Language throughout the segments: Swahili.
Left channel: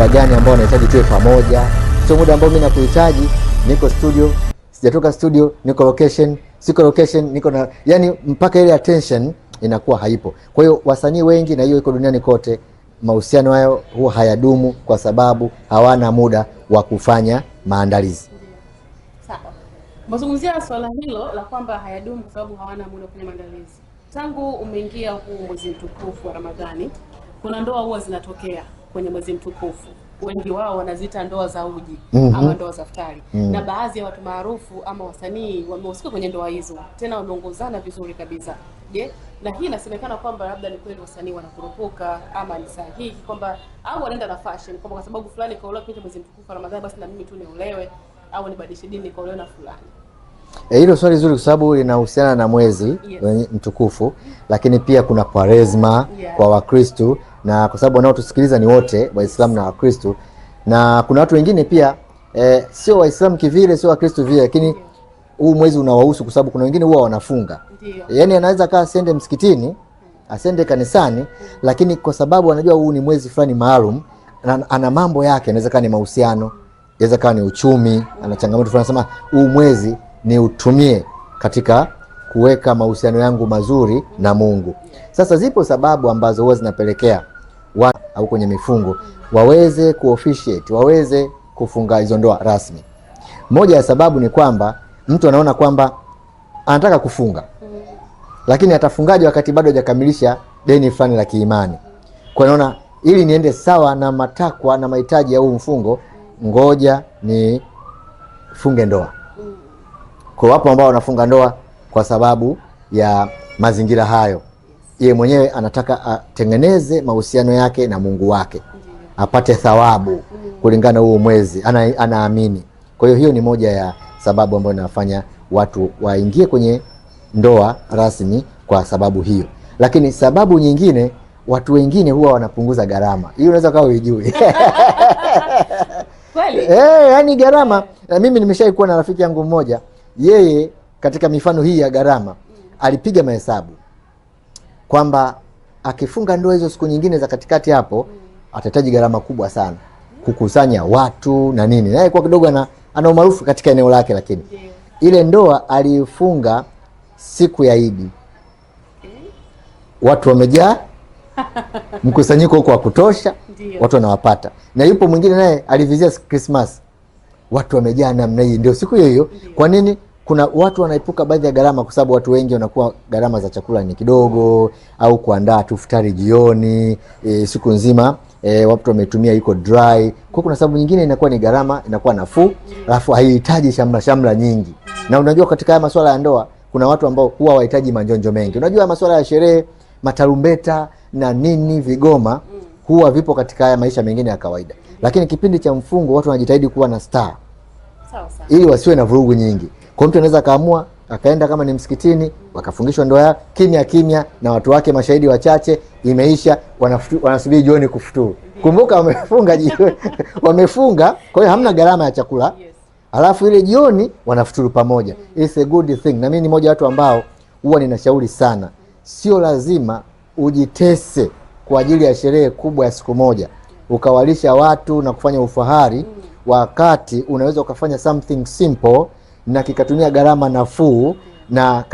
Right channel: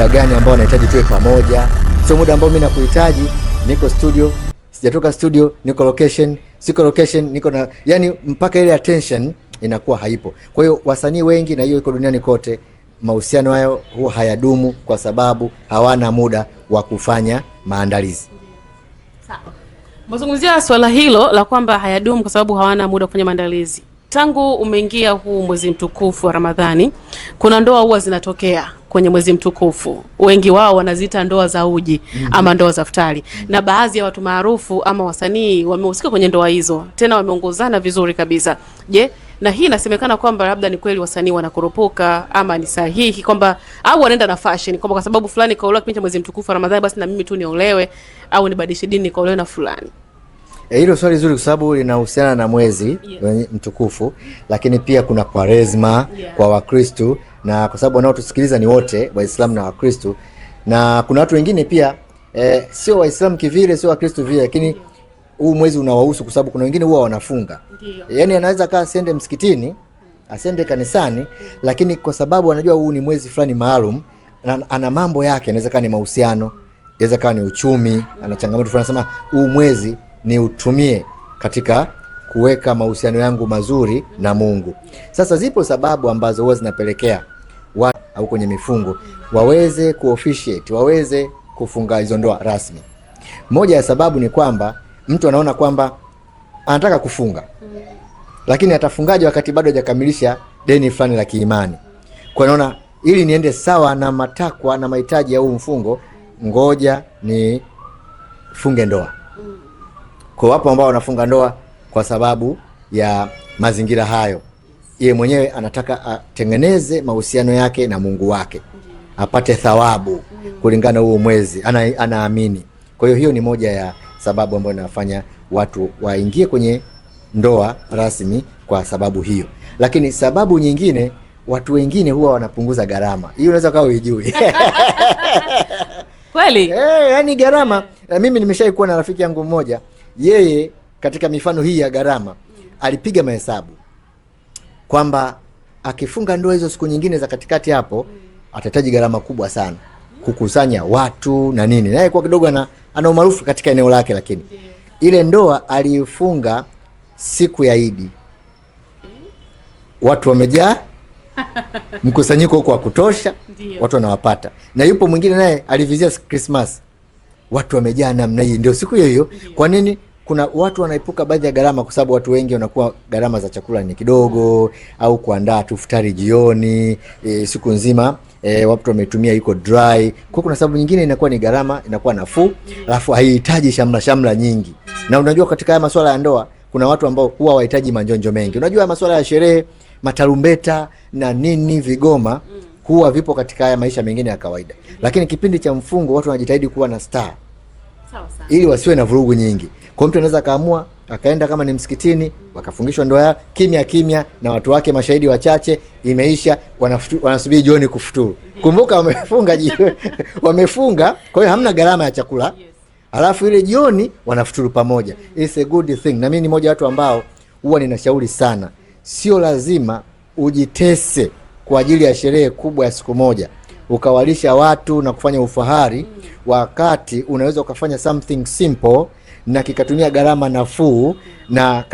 muda gani ambao unahitaji tuwe pamoja. Sio muda ambao mimi nakuhitaji niko studio, sijatoka studio niko location, siko location niko na, yani mpaka ile attention inakuwa haipo. Kwa hiyo wasanii wengi, na hiyo iko duniani kote, mahusiano hayo huwa hayadumu kwa sababu hawana muda wa kufanya maandalizi. Sawa. Mazungumzia swala hilo la kwamba hayadumu kwa sababu hawana muda wa kufanya maandalizi. Tangu umeingia huu mwezi mtukufu wa Ramadhani, kuna ndoa huwa zinatokea kwenye mwezi mtukufu. Wengi wao wanaziita ndoa za uji ama ndoa za iftari. Na baadhi ya watu maarufu ama wasanii wamehusika kwenye ndoa hizo. Tena wameongozana vizuri kabisa. Je, na hii inasemekana kwamba labda ni kweli wasanii wanakurupuka ama ni sahihi kwamba au wanaenda na fashion kwamba kwa sababu fulani kaolewa kipindi cha mwezi mtukufu wa Ramadhani basi na mimi tu niolewe au nibadilishe dini nikaolewe na fulani? Hilo swali zuri kwa sababu linahusiana na mwezi mtukufu, lakini pia kuna Kwaresma kwa Wakristo, na kwa sababu wanaotusikiliza ni wote Waislamu na Wakristo, na kuna watu wengine pia sio Waislamu kivile, sio Wakristo vile, lakini huu mwezi unawahusu kwa sababu kuna wengine huwa wanafunga. Yaani anaweza kaa asende msikitini, asende kanisani, lakini kwa sababu anajua huu ni mwezi fulani maalum, ana mambo yake, inaweza kaa ni mahusiano, inaweza kaa ni uchumi, ana changamoto fulani, anasema huu mwezi ni utumie katika kuweka mahusiano yangu mazuri na Mungu. Sasa zipo sababu ambazo huwa zinapelekea watu au kwenye mifungo waweze kuofficiate, waweze kufunga hizo ndoa rasmi. Moja ya sababu ni kwamba mtu anaona kwamba anataka kufunga, lakini atafungaje wakati bado hajakamilisha deni fulani la kiimani. Kwa anaona ili niende sawa na matakwa na mahitaji ya huu mfungo, ngoja ni funge ndoa. Kwa wapo ambao wanafunga ndoa kwa sababu ya mazingira hayo. Yeye mwenyewe anataka atengeneze mahusiano yake na Mungu wake, apate thawabu kulingana huo mwezi, anaamini. Kwa hiyo ni moja ya sababu ambayo inafanya watu waingie kwenye ndoa rasmi kwa sababu hiyo. Lakini sababu nyingine, watu wengine huwa wanapunguza gharama. Hiyo unaweza kawa hujui. Kweli? Yani gharama, mimi nimeshawahi kuwa na rafiki yangu mmoja, yeye katika mifano hii ya gharama alipiga mahesabu kwamba akifunga ndoa hizo siku nyingine za katikati hapo atahitaji gharama kubwa sana kukusanya watu na nini. Naye kwa kidogo ana umaarufu katika eneo lake, lakini ile ndoa alifunga siku ya Idi. Watu wamejaa, mkusanyiko huko wa kutosha, watu wanawapata. Na yupo mwingine naye alivizia Christmas, watu wamejaa namna hii, ndio siku hiyo. Kwa nini? Kuna watu wanaipuka baadhi ya gharama kwa sababu watu wengi wanakuwa gharama za chakula ni kidogo, au kuandaa tu iftari jioni, siku nzima watu wametumia iko dry. Kwa kuna sababu nyingine inakuwa ni gharama inakuwa nafuu, alafu haihitaji shamla nyingi. Na unajua katika haya masuala ya ndoa kuna watu ambao huwa wahitaji manjonjo mengi. Unajua masuala ya sherehe, matarumbeta na nini, vigoma huwa vipo katika haya maisha mengine ya kawaida. Lakini kipindi cha mfungo watu wanajitahidi kuwa na star. Sawa. Ili wasiwe na vurugu nyingi. Kwa mtu anaweza kaamua akaenda kama ni msikitini, wakafungishwa ndoa ya kimya na watu wake mashahidi wachache, imeisha, wanasubiri jioni kufuturu. Kumbuka wamefunga jioni, wamefunga, kwa hiyo hamna gharama ya chakula. Alafu ile jioni wanafuturu pamoja. It's a good thing. Na mimi ni mmoja watu ambao huwa ninashauri sana, sio lazima ujitese kwa ajili ya sherehe kubwa ya siku moja ukawalisha watu na kufanya ufahari, wakati unaweza ukafanya something simple na kikatumia gharama nafuu, na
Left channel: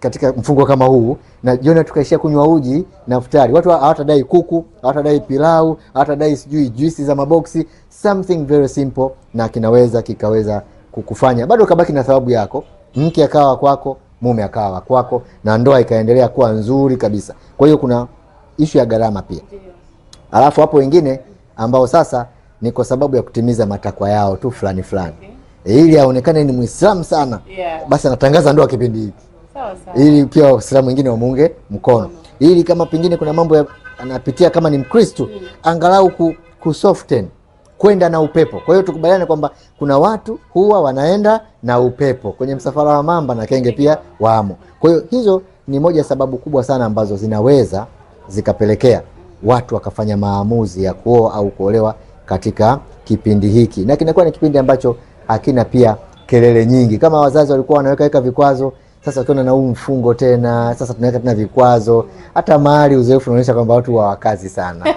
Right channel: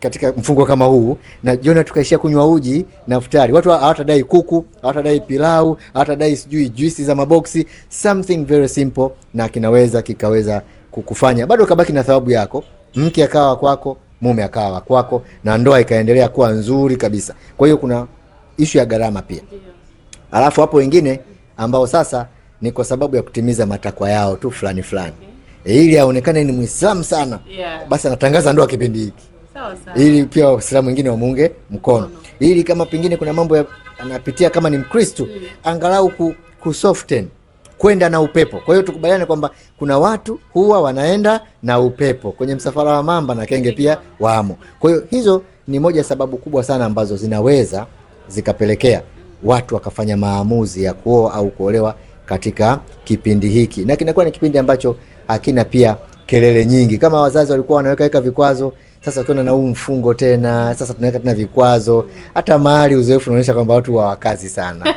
katika mfungo kama huu, na jioni tukaishia kunywa uji na iftari. Watu hawatadai kuku, hawatadai pilau, hawatadai sijui juice za maboksi, something very simple, na kikaweza kukufanya bado kabaki na thawabu yako, mke akawa kwako, mume akawa kwako, na ndoa ikaendelea kuwa nzuri kabisa. Kwa hiyo kuna issue ya gharama pia. Alafu hapo wengine ambao sasa ni kwa sababu ya kutimiza matakwa yao tu fulani ili aonekane ni Muislamu sana, basi anatangaza ndoa kipindi hiki. Sawa. Ili pia Waislamu wengine wamuunge mkono. Ili kama pengine kuna mambo anapitia kama ni Mkristo, angalau kusoften, kwenda na upepo. Kwa hiyo tukubaliane kwamba kuna watu huwa wanaenda na upepo kwenye msafara wa mamba na kenge pia wamo. Kwa hiyo hizo ni moja sababu kubwa sana ambazo zinaweza zikapelekea watu wakafanya maamuzi ya kuoa au kuolewa katika kipindi hiki. Na kinakuwa ni kipindi ambacho hakina pia kelele nyingi. Kama wazazi walikuwa wanaweka vikwazo, sasa tunaona na huu mfungo tena, sasa tunaweka tena vikwazo. Hata mahali uzoefu unaonyesha kwamba watu hawakazi sana.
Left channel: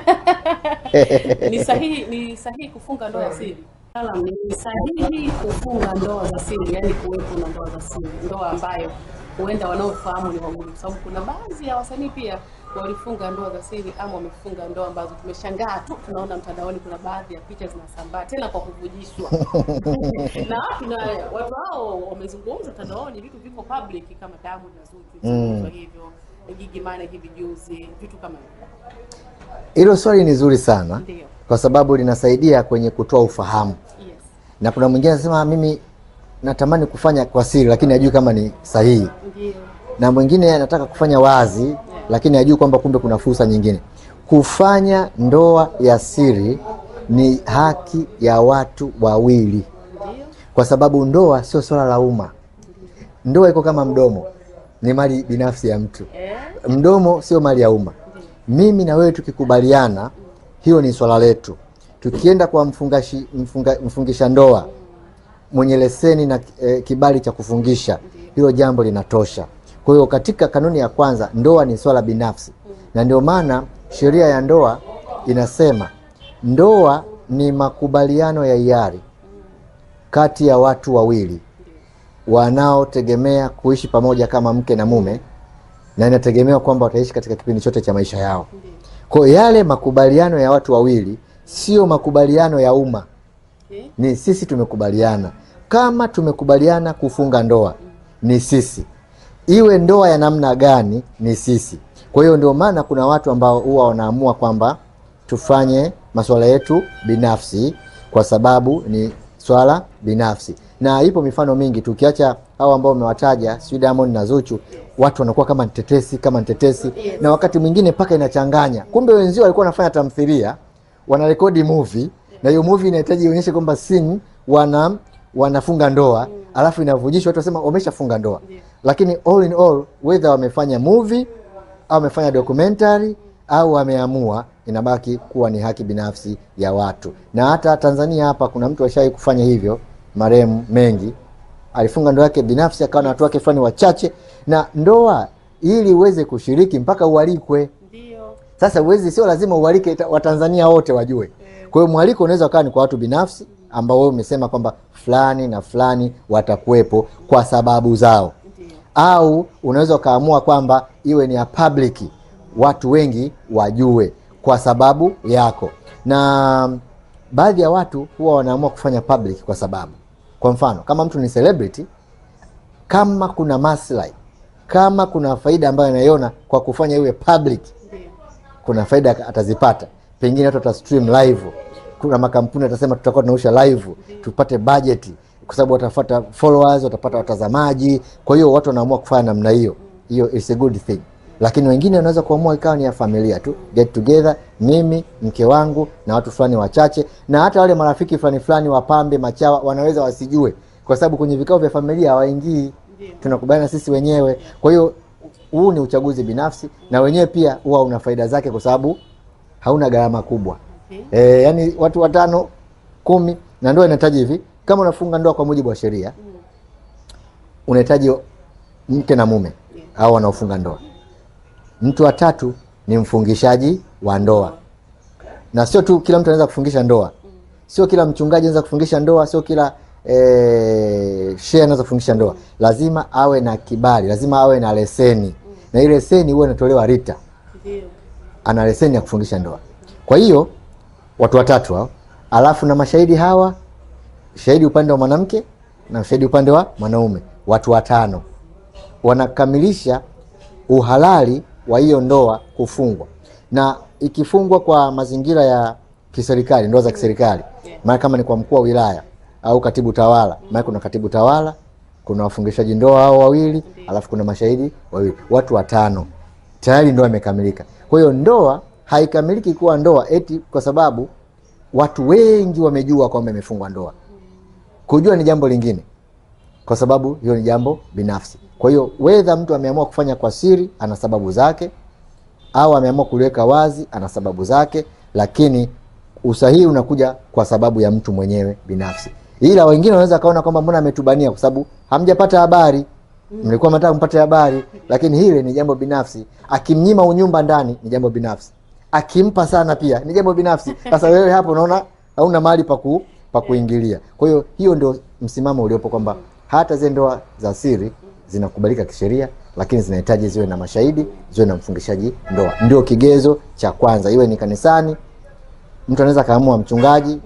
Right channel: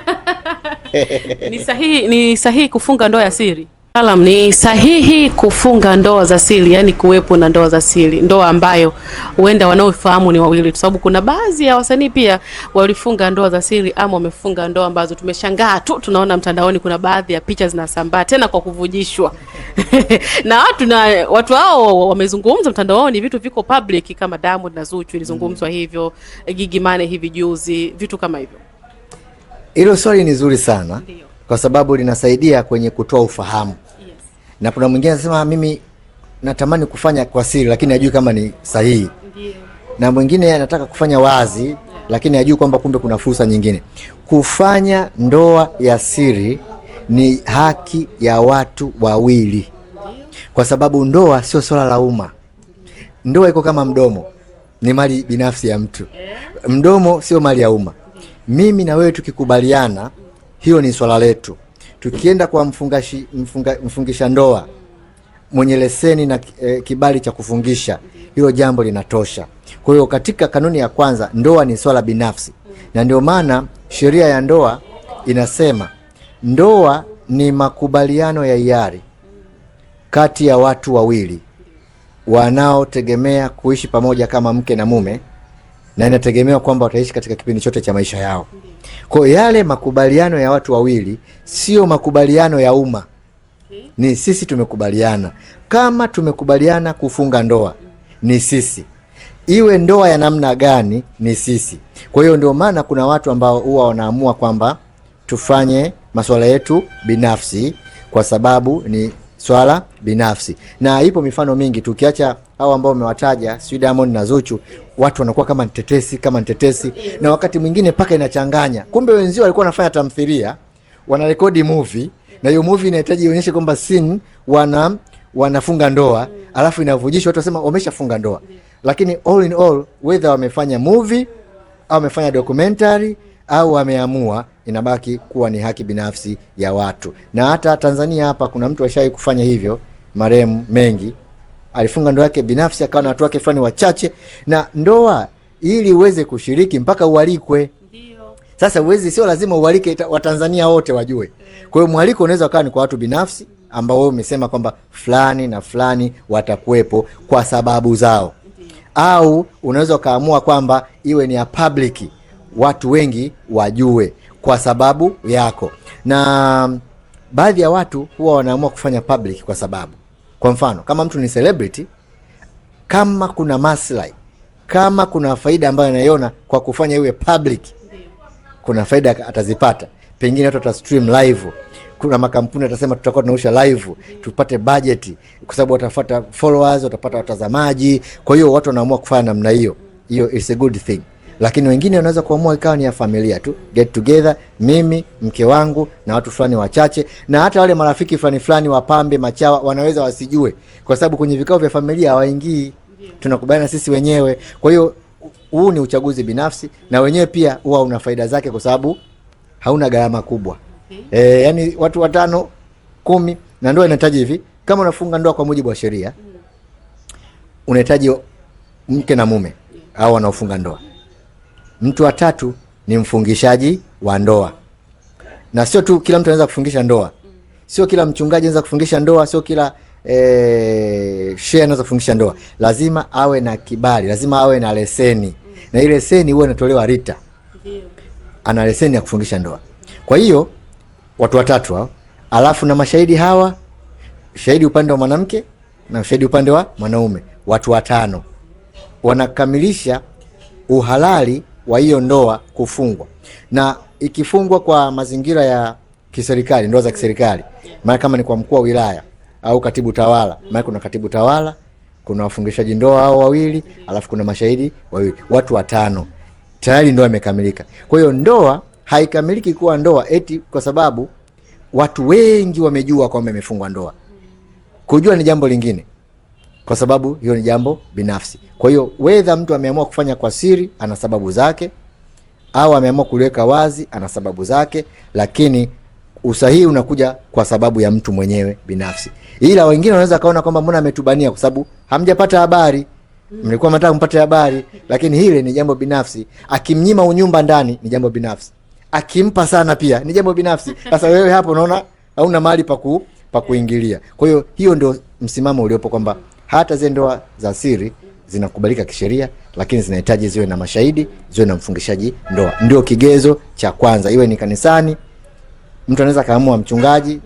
Ni sahihi kufunga ndoa ya siri? Alam, ni sahihi kufunga ndoa za siri, yani kuwepo na ndoa za siri, ndoa ambayo huenda wanaofahamu ni wawili, kwa sababu kuna baadhi ya wasanii pia walifunga ndoa za siri ama wamefunga ndoa ambazo tumeshangaa tu, tunaona mtandaoni kuna baadhi ya picha zinasambaa tena kwa kuvujishwa na watu hao wamezungumza mtandaoni, vitu viko public kama Diamond na Zuchu ilizungumzwa hivyo, Gigy Money hivi juzi, vitu kama hivyo. Hilo swali ni zuri sana. Ndiyo. Kwa sababu linasaidia kwenye kutoa ufahamu. Yes. Na kuna mwingine anasema mimi natamani kufanya kwa siri lakini hajui kama ni sahihi. Ndiyo. Na mwingine anataka kufanya wazi lakini hajui kwamba kumbe kuna fursa nyingine. Kufanya ndoa ya siri ni haki ya watu wawili. Kwa sababu ndoa sio swala la umma. Ndoa iko kama mdomo, ni mali binafsi ya mtu. Mdomo sio mali ya umma. Mimi na wewe tukikubaliana, hiyo ni swala letu. Tukienda kwa mfungisha ndoa mwenye leseni na kibali cha kufungisha, hiyo jambo linatosha. Kwa hiyo katika kanuni ya kwanza, ndoa ni swala binafsi. Na ndio maana sheria ya ndoa inasema ndoa ni makubaliano ya hiari kati ya watu wawili wanaotegemea kuishi pamoja kama mke na mume, na inategemewa kwamba wataishi katika kipindi chote cha maisha yao. Kwa yale makubaliano ya watu wawili sio makubaliano ya umma. Ni sisi tumekubaliana. Kama tumekubaliana kufunga ndoa, ni sisi. Iwe ndoa ya namna gani, ni sisi. Kwa hiyo ndio maana kuna watu ambao huwa wanaamua kwamba tufanye masuala yetu binafsi kwa sababu ni swala binafsi. Na ipo mifano mingi, tukiacha hao ambao umewataja, si Diamond na Zuchu, watu wanakuwa kama ntetesi na wakati mwingine paka inachanganya. Kumbe wenzio walikuwa wanafanya tamthilia, wanarekodi movie, na hiyo movie inahitaji ionyeshe kwamba scene wanafunga ndoa, alafu inavujishwa watu wasema wameshafunga ndoa. Lakini all in all, whether wamefanya movie au wamefanya documentary au wameamua, inabaki kuwa ni haki binafsi ya watu. Na hata Tanzania hapa kuna mtu ashawahi kufanya hivyo, marehemu Mengi alifunga ndoa yake binafsi, akawa na watu wake fulani wachache. Na ndoa ili uweze kushiriki mpaka ualikwe. Ndio. Sasa uwezi, sio lazima ualike Watanzania wote wajue. Kwa hiyo mwaliko unaweza kuwa ni kwa watu binafsi ambao wewe umesema kwamba fulani na fulani watakuwepo kwa sababu zao. Ndiyo. Au unaweza kaamua kwamba iwe ni ya public, watu wengi wajue kwa sababu yako. Na baadhi ya watu huwa wanaamua kufanya public kwa sababu, kwa mfano kama mtu ni celebrity, kama kuna maslahi, kama kuna faida ambayo anaiona kwa kufanya iwe public, kuna faida atazipata. Pengine watu watastream live, kuna makampuni atasema tutakuwa tunausha live tupate budget, kwa sababu watafuata followers, watapata watazamaji. Kwa hiyo watu wanaamua kufanya namna hiyo. Hiyo is a good thing. Lakini wengine wanaweza kuamua ikawa ni ya familia tu, get together, mimi, mke wangu na watu fulani wachache, na hata wale marafiki fulani wapambe, machawa, wanaweza wasijue kwa sababu kwenye vikao vya familia hawaingii. Tunakubaliana sisi wenyewe. Kwa hiyo huu ni uchaguzi binafsi, na wenyewe pia huwa una faida zake kwa sababu hauna gharama kubwa. Yani watu 5, 10, na ndoa inahitaji hivi, kama unafunga ndoa kwa mujibu wa sheria, unahitaji mke na mume au wanaofunga ndoa. Mtu wa tatu ni mfungishaji wa ndoa. Na sio tu kila mtu anaweza kufungisha ndoa. Sio kila mchungaji anaweza kufungisha ndoa, sio kila shehe anaweza kufungisha ndoa. Lazima awe na kibali, lazima awe na leseni. Na ile leseni huwa inatolewa RITA. Ana leseni ya kufungisha ndoa. Kwa hiyo watu watatu hao, alafu na mashahidi hawa, shahidi upande wa mwanamke na shahidi upande wa mwanaume, watu 5 wanakamilisha uhalali wa hiyo ndoa kufungwa. Na ikifungwa kwa mazingira ya kiserikali, ndoa za kiserikali, maana kama ni kwa mkuu wa wilaya au katibu tawala, maana kuna katibu tawala, kuna wafungishaji ndoa hao wawili, alafu kuna mashahidi wawili, watu 5, tayari ndoa imekamilika. Kwa hiyo ndoa haikamiliki kuwa ndoa eti kwa sababu watu wengi wamejua kwamba imefungwa ndoa. Kujua ni jambo lingine, kwa sababu hiyo ni jambo binafsi. Kwa hiyo whether mtu ameamua kufanya kwa siri, ana sababu zake, au ameamua kuliweka wazi, ana sababu zake, lakini usahihi unakuja kwa sababu ya mtu mwenyewe binafsi. Ila wengine wanaweza kaona kwamba mbona ametubania kwa sababu hamjapata habari. Mlikuwa mnataka mpate habari, lakini hile ni jambo binafsi. Akimnyima unyumba ndani ni jambo binafsi. akimpa sana pia ni jambo binafsi. Sasa wewe hapo unaona hauna mahali pa kuingilia. Kwa hiyo hiyo ndio msimamo uliopo kwamba hata zile ndoa za siri zinakubalika kisheria, lakini zinahitaji ziwe na mashahidi, ziwe na mfungishaji ndoa. Ndio kigezo cha kwanza, iwe ni kanisani, mtu anaweza kaamua mchungaji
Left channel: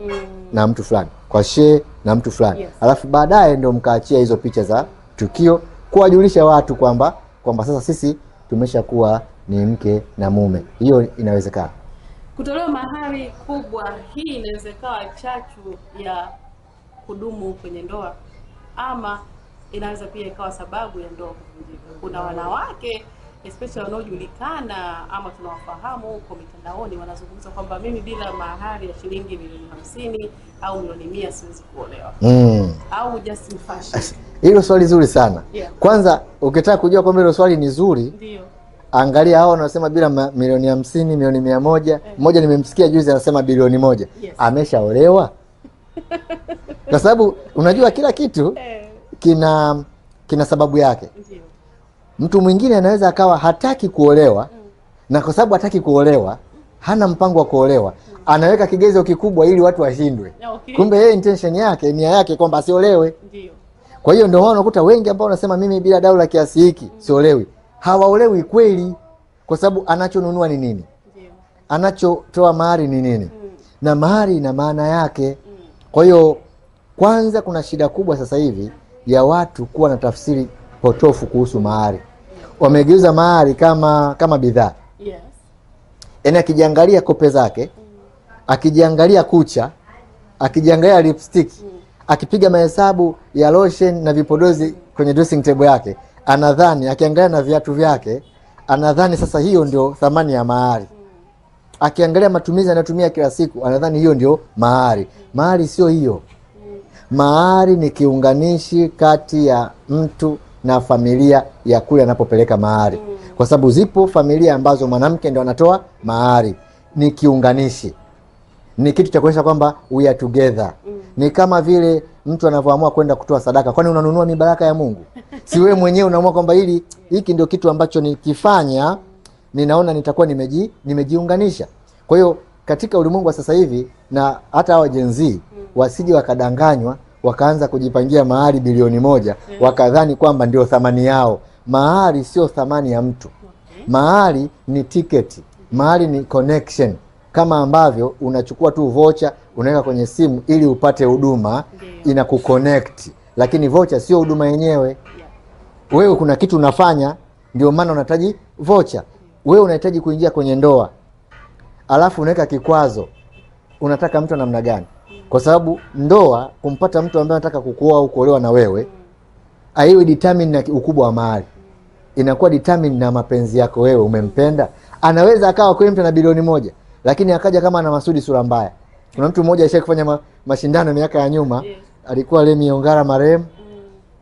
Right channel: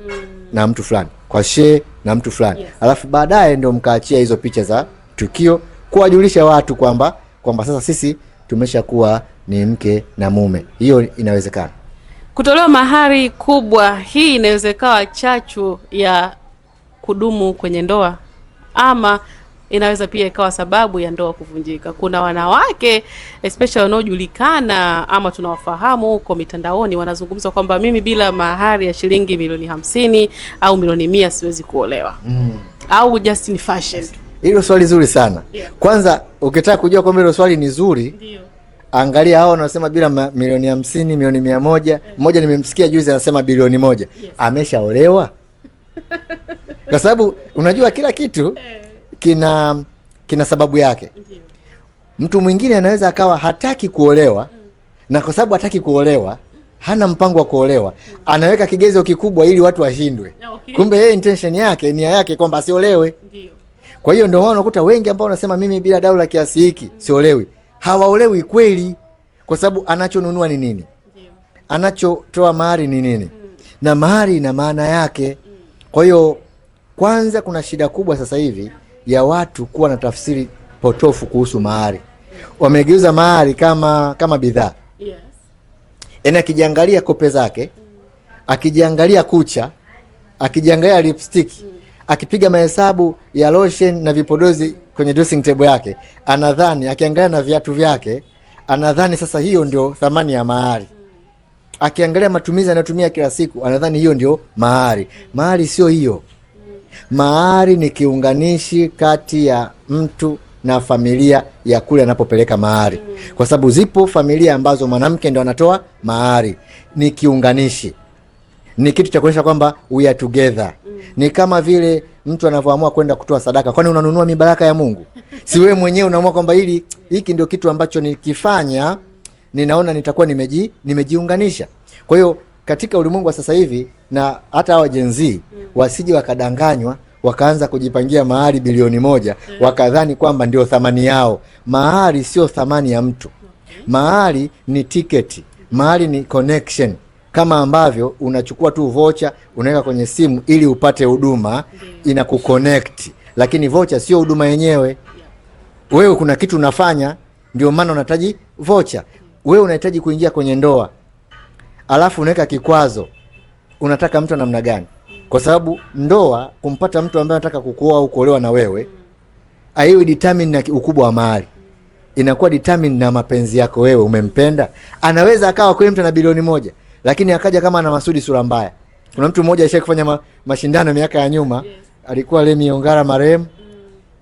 na mtu fulani, kwa shehe na mtu fulani. Yes. Alafu baadaye ndio mkaachia hizo picha za tukio kuwajulisha watu kwamba sasa sisi tumeshakuwa ni mke na mume. Hiyo inawezekana. Kutolewa mahari kubwa hii inaweza ikawa chachu ya kudumu kwenye ndoa, ama inaweza pia ikawa sababu ya ndoa kuvunjika. Kuna wanawake especially wanaojulikana ama tunawafahamu huko mitandaoni wanazungumza kwamba mimi bila mahari ya shilingi milioni 50 au milioni 100 siwezi kuolewa. Au just ni fashion. Hilo swali zuri sana. Yeah. Kwanza ukitaka kujua kwamba hilo swali ni zuri, ndio angalia hao wanasema bila milioni 50, milioni 100. Mmoja nimemsikia juzi anasema bilioni 1. Yes. Ameshaolewa? Kwa sababu unajua kila kitu kina sababu yake. Ndiyo. Mtu mwingine anaweza akawa hataki kuolewa, na kwa sababu hataki kuolewa, hana mpango wa kuolewa, anaweka kigezo kikubwa ili watu washindwe. Okay. Kumbe yeye intention yake, nia yake kwamba asiolewe. Ndiyo. Kwa hiyo ndio unakuta wengi ambao wanasema mimi bila dau la kiasi hiki siolewi. Hawaolewi kweli, kwa sababu anachonunua ni nini? Ndiyo. Anachotoa mahari ni nini? Na mahari ina maana yake. Kwa hiyo kwanza kuna shida kubwa sasa hivi ya watu kuwa na tafsiri potofu kuhusu mahari. Wamegeuza mahari kama bidhaa. Yes. Yaani akijiangalia kope zake, akijiangalia kucha, akijiangalia lipstick, akipiga mahesabu ya lotion na vipodozi kwenye dressing table yake, anadhani, akiangalia na viatu vyake, anadhani sasa hiyo ndio thamani ya mahari. Akiangalia matumizi anayotumia kila siku, anadhani hiyo ndio mahari. Mahari sio hiyo. Mahari ni kiunganishi kati ya mtu na familia ya kule anapopeleka mahari. Kwa sababu zipo familia ambazo mwanamke ndio anatoa mahari. Ni kiunganishi. Ni kitu cha kuonyesha kwamba we are together. Ni kama vile mtu anavyoamua kwenda kutoa sadaka. Kwani unanunua mibaraka ya Mungu? Si wewe mwenyewe unaamua kwamba hiki ndio kitu ambacho nikifanya ninaona nitakuwa nimejiunganisha. Kwa hiyo katika ulimwengu wa sasa hivi, na hata hao Gen Z wasije wakadanganywa wakaanza kujipangia mahari bilioni 1 wakadhani kwamba ndio thamani yao. Mahari sio thamani ya mtu. Mahari ni tiketi. Mahari ni connection. Kama ambavyo unachukua tu vocha unaweka kwenye simu ili upate huduma, inakuconnect. Lakini vocha sio huduma yenyewe. Wewe kuna kitu unafanya, ndio maana unahitaji vocha. Wewe unahitaji kuingia kwenye ndoa, alafu unaweka kikwazo. Unataka mtu namna gani? Kwa sababu ndoa, kumpata mtu ambaye anataka kukuoa au kuolewa na wewe, haiwi determine na ukubwa wa mahari. Inakuwa determine na mapenzi yako wewe, umempenda. Anaweza akawa kwa mtu na bilioni 1, lakini akaja kama ana Masudi sura mbaya. Kuna mtu mmoja alishakufanya mashindano miaka ya nyuma, alikuwa Lemi Ongara marehemu,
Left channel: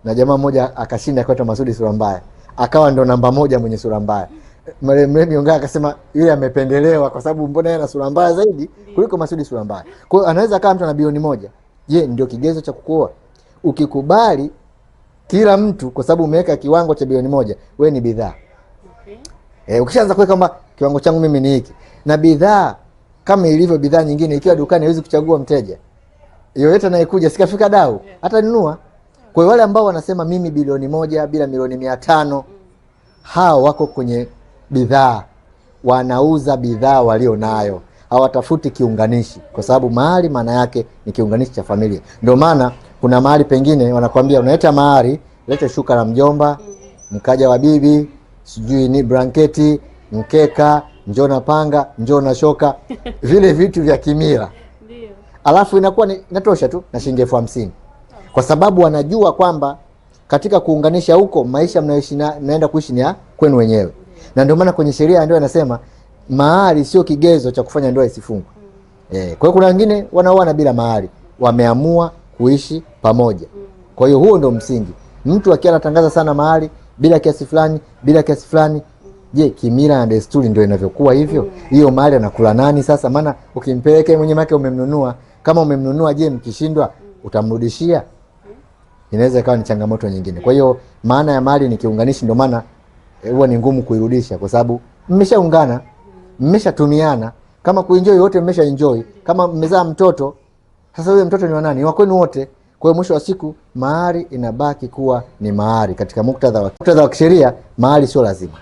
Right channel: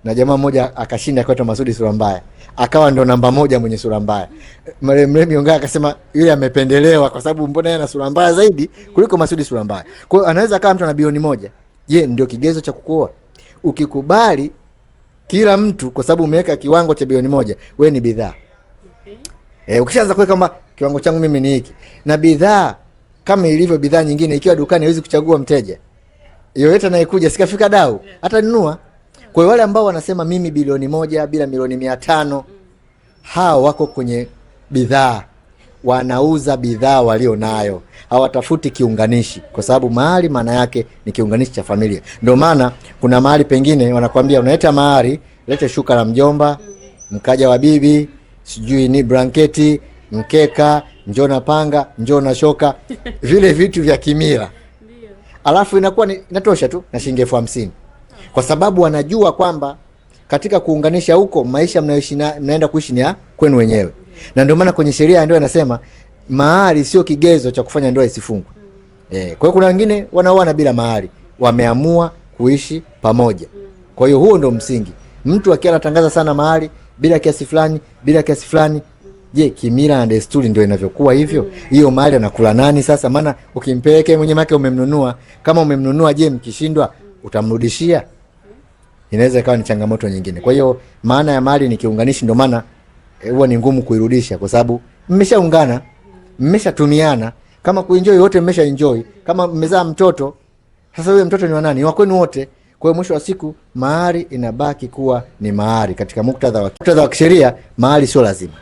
na jamaa mmoja akashinda kwa Masudi sura mbaya. Akawa ndo namba 1 mwenye sura mbaya. Lemi Ongara akasema yule amependelewa kwa sababu mbona yeye ana sura mbaya zaidi kuliko Masudi sura mbaya. Kwa hiyo anaweza kama mtu ana bilioni 1. Je, ndio kigezo cha kukuoa? Ukikubali kila mtu kwa sababu umeweka kiwango cha bilioni 1, wewe ni bidhaa. Okay. Ukishaanza kuweka kama kiwango changu mimi ni hiki. Na bidhaa kama ilivyo bidhaa nyingine, ikiwa dukani hawezi kuchagua mteja. Yoyote anayekuja sikafika dau, hata nunua. Kwa wale ambao wanasema mimi bilioni 1 bila milioni 500, hao wako kwenye bidhaa. Wanauza bidhaa walio nayo. Hawatafuti kiunganishi, kwa sababu mahari maana yake ni kiunganishi cha familia. Ndio maana kuna mahali pengine wanakuambia unaleta mahari, lete shuka la mjomba, mkaja wa bibi, sijui ni blanketi, mkeka, njoo na panga, njoo na shoka, vile vitu vya kimila. Ndio. Alafu inakuwa inatosha tu na shilingi 50,000. Kwa sababu wanajua kwamba katika kuunganisha huko maisha mnayoishi mnaenda kuishi ni kwenu wenyewe. Na ndio maana kwenye sheria ya ndoa inasema mahari sio kigezo cha kufanya ndoa isifungwe. Kwa hiyo kuna wengine wanaoana bila mahari, wameamua kuishi pamoja. Kwa hiyo huo ndio msingi. Mtu akiwa anatangaza sana mahari bila kiasi fulani, bila kiasi fulani, je, kimila na desturi ndio inavyokuwa hivyo? Hiyo mahari anakula nani sasa? Maana ukimpeleka mwenye make umemnunua, kama umemnunua, je, mkishindwa utamrudishia? Inaweza ikawa ni changamoto nyingine. Kwa hiyo maana ya mahari ni kiunganishi, ndio maana huwa ni ngumu kuirudisha kwa sababu mmeshaungana. mmeshatumiana, kama kuenjoy wote mmesha enjoy, kama mmezaa mtoto sasa huyo mtoto ni wa nani? Wa kwenu wote. Kwa hiyo mwisho wa siku mahari inabaki kuwa ni mahari. Katika muktadha wa kisheria mahari sio lazima.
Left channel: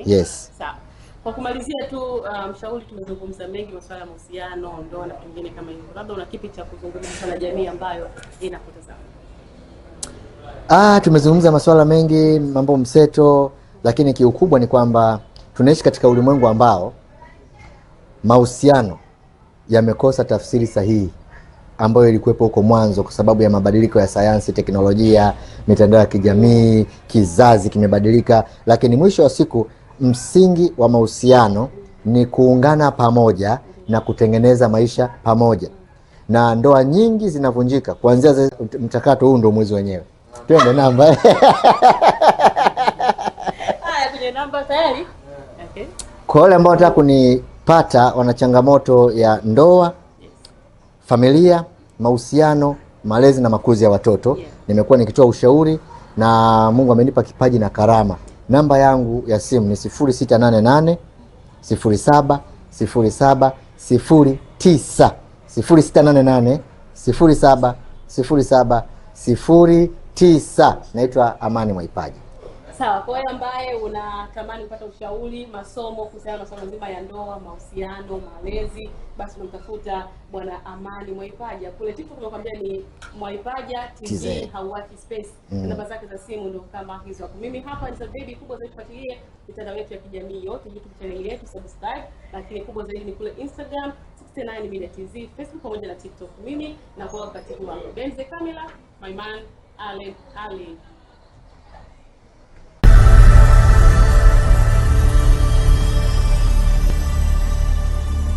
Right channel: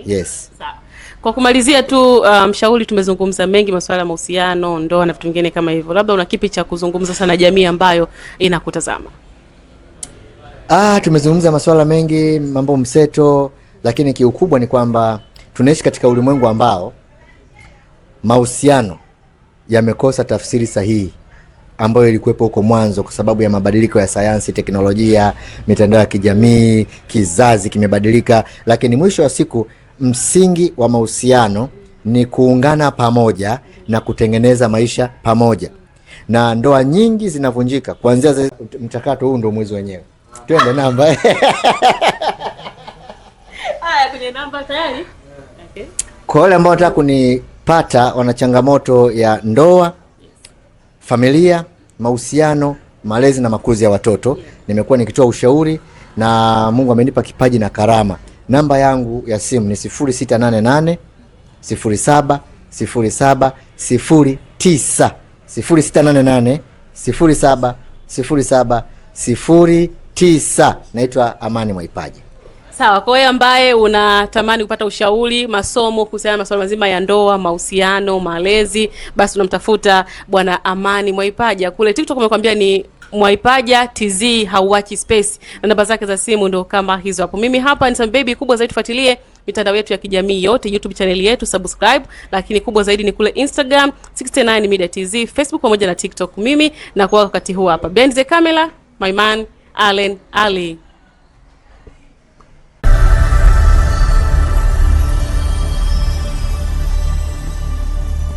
Okay. Yes. Sawa. Kwa kumalizia tu mshauri, tumezungumza mengi masuala ya mahusiano, ndoa na vitu vingine kama hivyo. Labda una kipi cha kuzungumza sana jamii ambayo inakutazama? Tumezungumza masuala mengi, mambo mseto, lakini kiukubwa ni kwamba tunaishi katika ulimwengu ambao mahusiano yamekosa tafsiri sahihi ambayo ilikuwepo huko mwanzo kwa sababu ya mabadiliko ya sayansi, teknolojia, mitandao ya kijamii, kizazi kimebadilika, lakini mwisho wa siku msingi wa mahusiano ni kuungana pamoja na kutengeneza maisha pamoja. Na ndoa nyingi zinavunjika kuanzia mchakato huu, ndio mwezi wenyewe. Twende namba. Haya, kwenye namba tayari. Okay. Kwa wale ambao wanataka kunipata, wana changamoto ya ndoa, familia, mahusiano, malezi na makuzi ya watoto, nimekuwa nikitoa ushauri na Mungu amenipa kipaji na karama. Namba yangu ya simu ni 0688 07 07 09, 0688 07 07 09. Naitwa Amani Mwaipaja. Sawa, kwa wewe ambaye unatamani kupata ushauri, masomo kuhusiana na masuala mazima ya ndoa, mahusiano, malezi, basi unamtafuta Bwana Amani Mwaipaja. Kule TikTok umekwambia ni Mwaipaja TZ, hauachi space. Na namba zake za simu ndo kama hizo hapo. Mimi hapa ni Sam Baby. Kubwa zaidi tufuatilie mitandao yetu ya kijamii yote, YouTube channel yetu subscribe, lakini kubwa zaidi ni kule Instagram 69 Media TZ, Facebook pamoja na TikTok. Mimi na kwa wakati huu hapa behind the camera my man Allen Ali.